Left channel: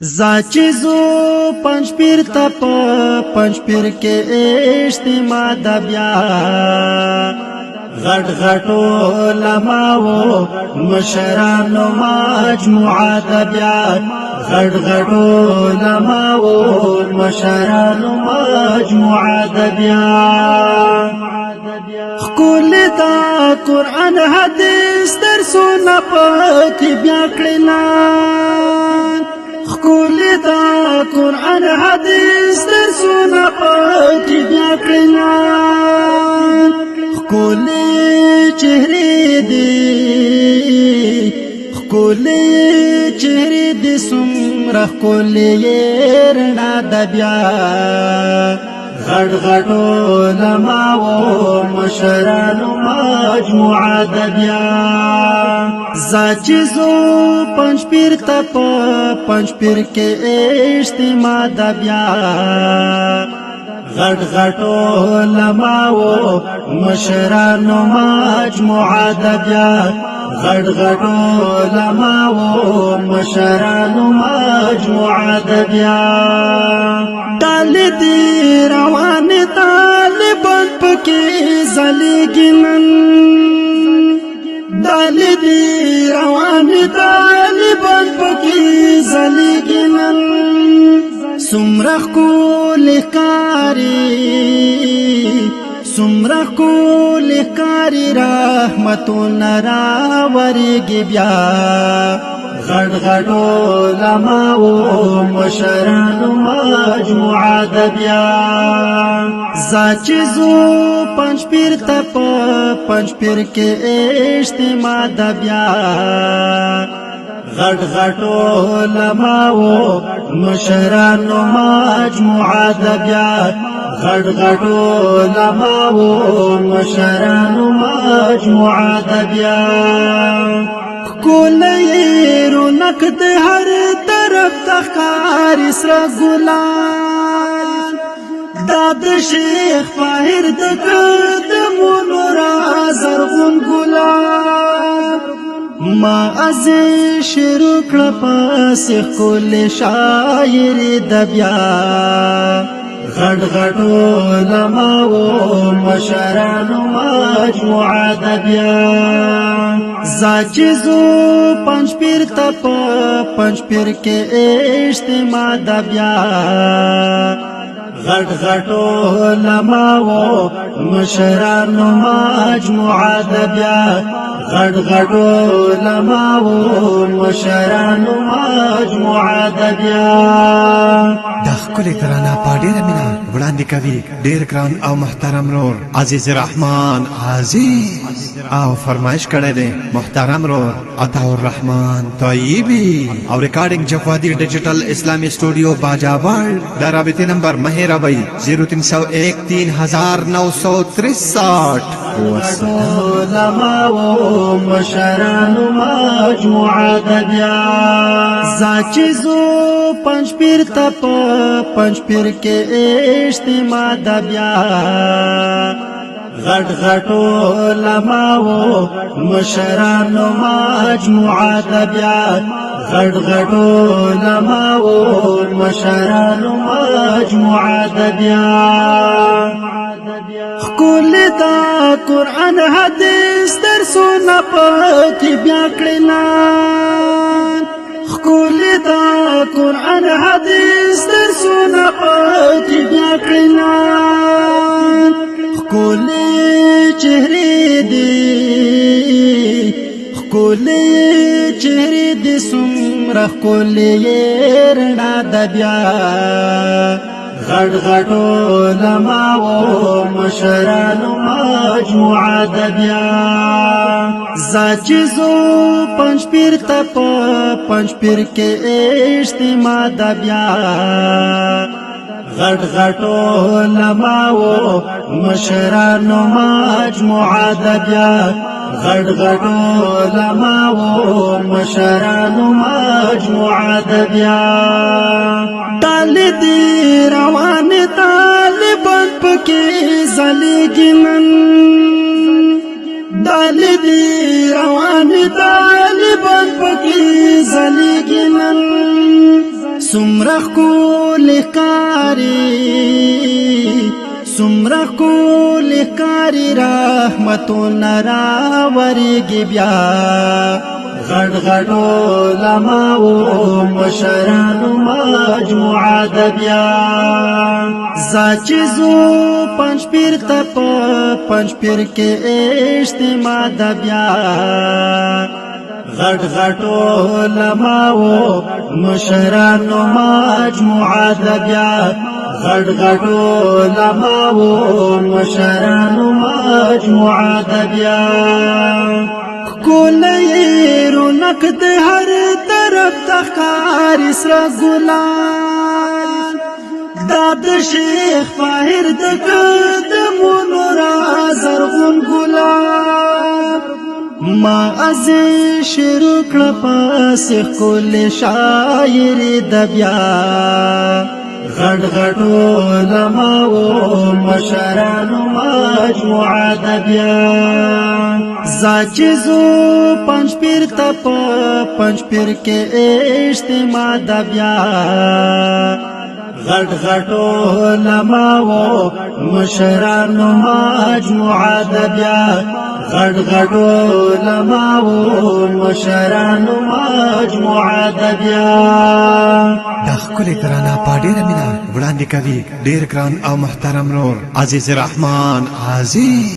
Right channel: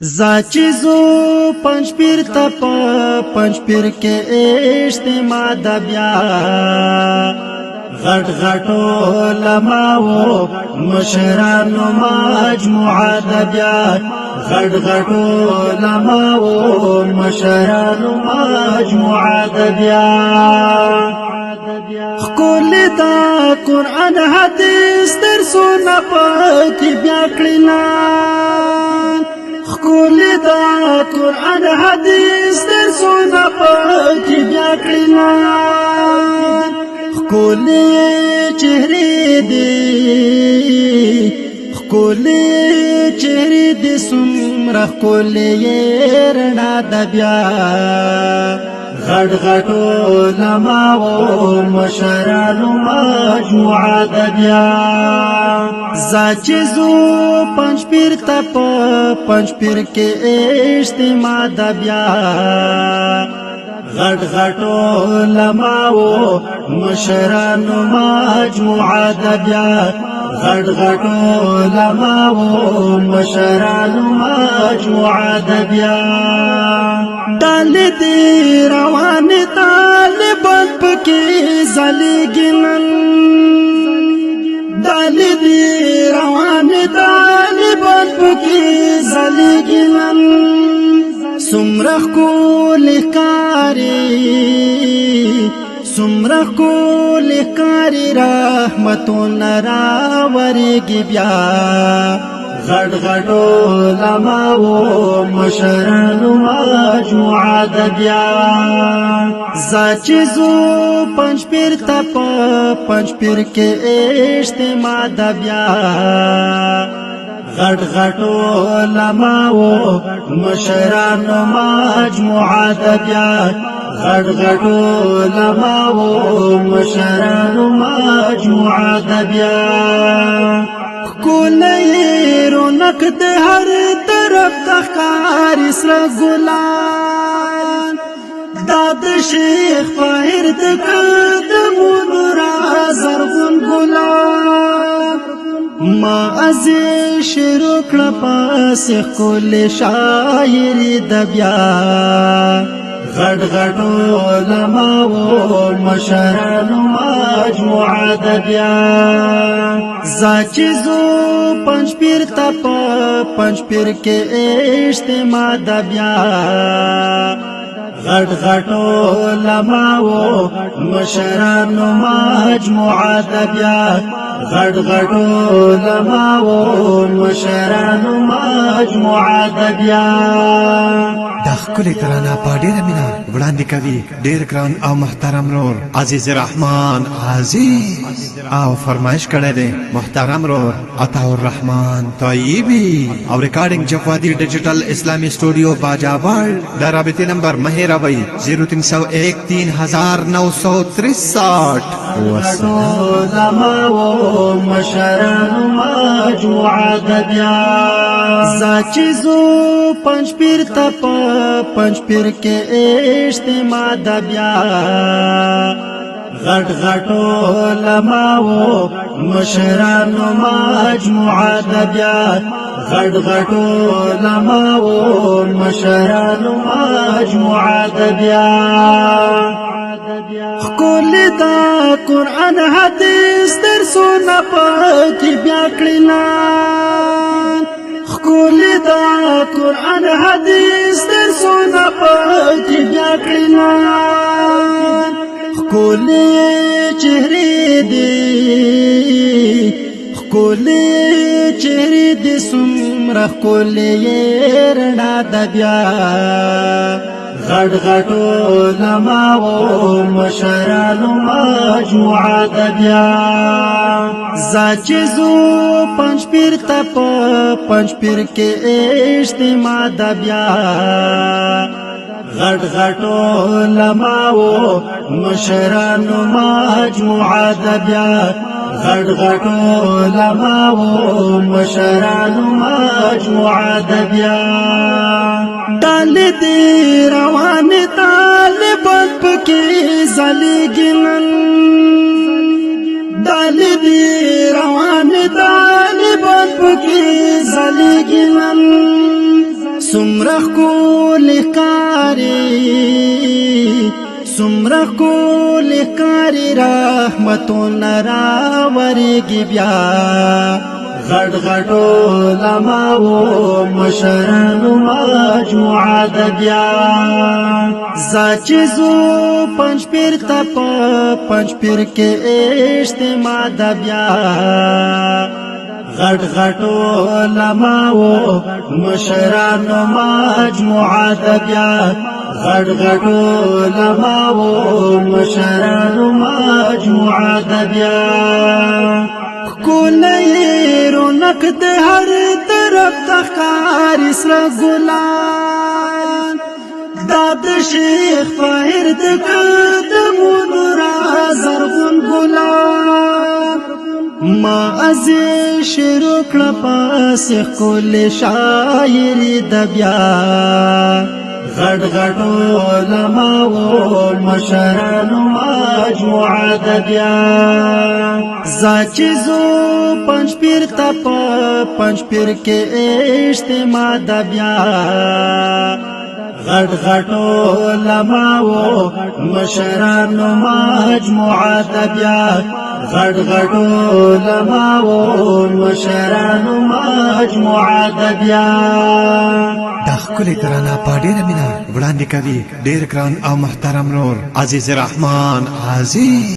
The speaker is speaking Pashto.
زاچیزو پنج پیر تپ پنج پیر کے اجتماع د بیا غټ غټو علماء مشرانو مجموعه د بیا غټ غټو علماء مشرانو مجموعه د بیا کول دا قرآن حدیث درسونه پکې بیا کړلا کول دا قرآن حدیث درسونه پکې بیا کړلا کول چهره دې کول چهره دې سمره کول رڼا د بیا غټ غټ علماء مشرانو مجموعه د بیا زاچیزو پنج پیر تپ پنج پیر کې اجتماع د بیا غټ غټ علماء مشرانو مجموعه د بیا غټ غټ علماء مشرانو مجموعه د بیا دال دی روان طالبان پکې زلیګنن دال دی روان طالبان پکې زلیګنن سمرخ کول کاری سمرخ کول کاری رحمتون راورګي بیا غټ غټ علماء مشرانو مجموعه د بیا زاچیزو پنج پیر تپ پنج پیر کې اجتماع د بیا غټ غټ علماء مشرانو مجموعه د بیا غټ غټ علماء مشرانو مجموعه د بیا کولې رونق د هر طرف تخکار اسرا ګلان دا د شیخ فایر د قدمونو را زرغون ګلان ما از شروع کړه پس کولې شاعر د بیا غټ غټ علماء مشرانو مجموعه د بیا زاچیزو پنج پیر تپ پنج پیر کې اجتماع د بیا غټ غټ علماء مشرانو مجموعه د بیا غټ غټ علماء مشرانو مجموعه د بیا د خپل ترانه په ډیره مینا وړاندې کوي ډیر ګران او محترم رور عزیز رحمان عزیز او فرمایش کړی دی محترم رور عطا الرحمن طیبی او ریکارډینګ جفادی ډیجیټل اسلامی سټوډیو باجاوال د رابطې نمبر مهیروي 0301 3963 والسلام مشرانو مجموعه د بیا زاچیزو پنج پیر تپ پنج پیر کې اجتماع د بیا غټ غټ علماء مشرانو مجموعه د بیا غټ غټ علماء مشرانو مجموعه د بیا کول دا قرآن حدیث درسونه پکې بیا کړلا کول دا قرآن حدیث درسونه پکې بیا کړلا کول چهره دې کول چهره دې سمره کول رڼا د بیا غټ غټ علماء مشرانو مجموعه د بیا زاچیزو پنج پیر تپ پنج پیر کې اجتماع د بیا غټ غټ علماء مشرانو مجموعه د بیا غټ غټ علماء مشرانو مجموعه د بیا دال دی روان طالبان پکې زلیګنن دال دی روان طالبان پکې زلیګنن سمرخ کول کاری سمرخ کول کاری رحمتون راوریگی بیا غړ غړ علماء مشرانو مجموعه د بیا زاچزو پنځ پیر تپ پنځ پیر کې اجتماع د بیا غړ غړ علماء مشرانو مجموعه د بیا غړ غړ علماء مشرانو مجموعه د بیا کولې رونق د هر طرف تخکار اسرا ګلان دات شیخ فایر د قدمونو را زرغون ګلان ما از شروع کړه پس کول شاعر د بیا غړ غړ علماء مشرانو مجموعه د بیا زاچزو پنځ پیر تپ پنځ پیر کې اجتماع د بیا غړ غړ علماء مشرانو مجموعه د بیا غړ غړ علماء مشرانو مجموعه د بیا د ښکلې ترانه په ډېره مینه وړاندې کوي ډېر ګران او محترم رور عزیز رحمان عزیز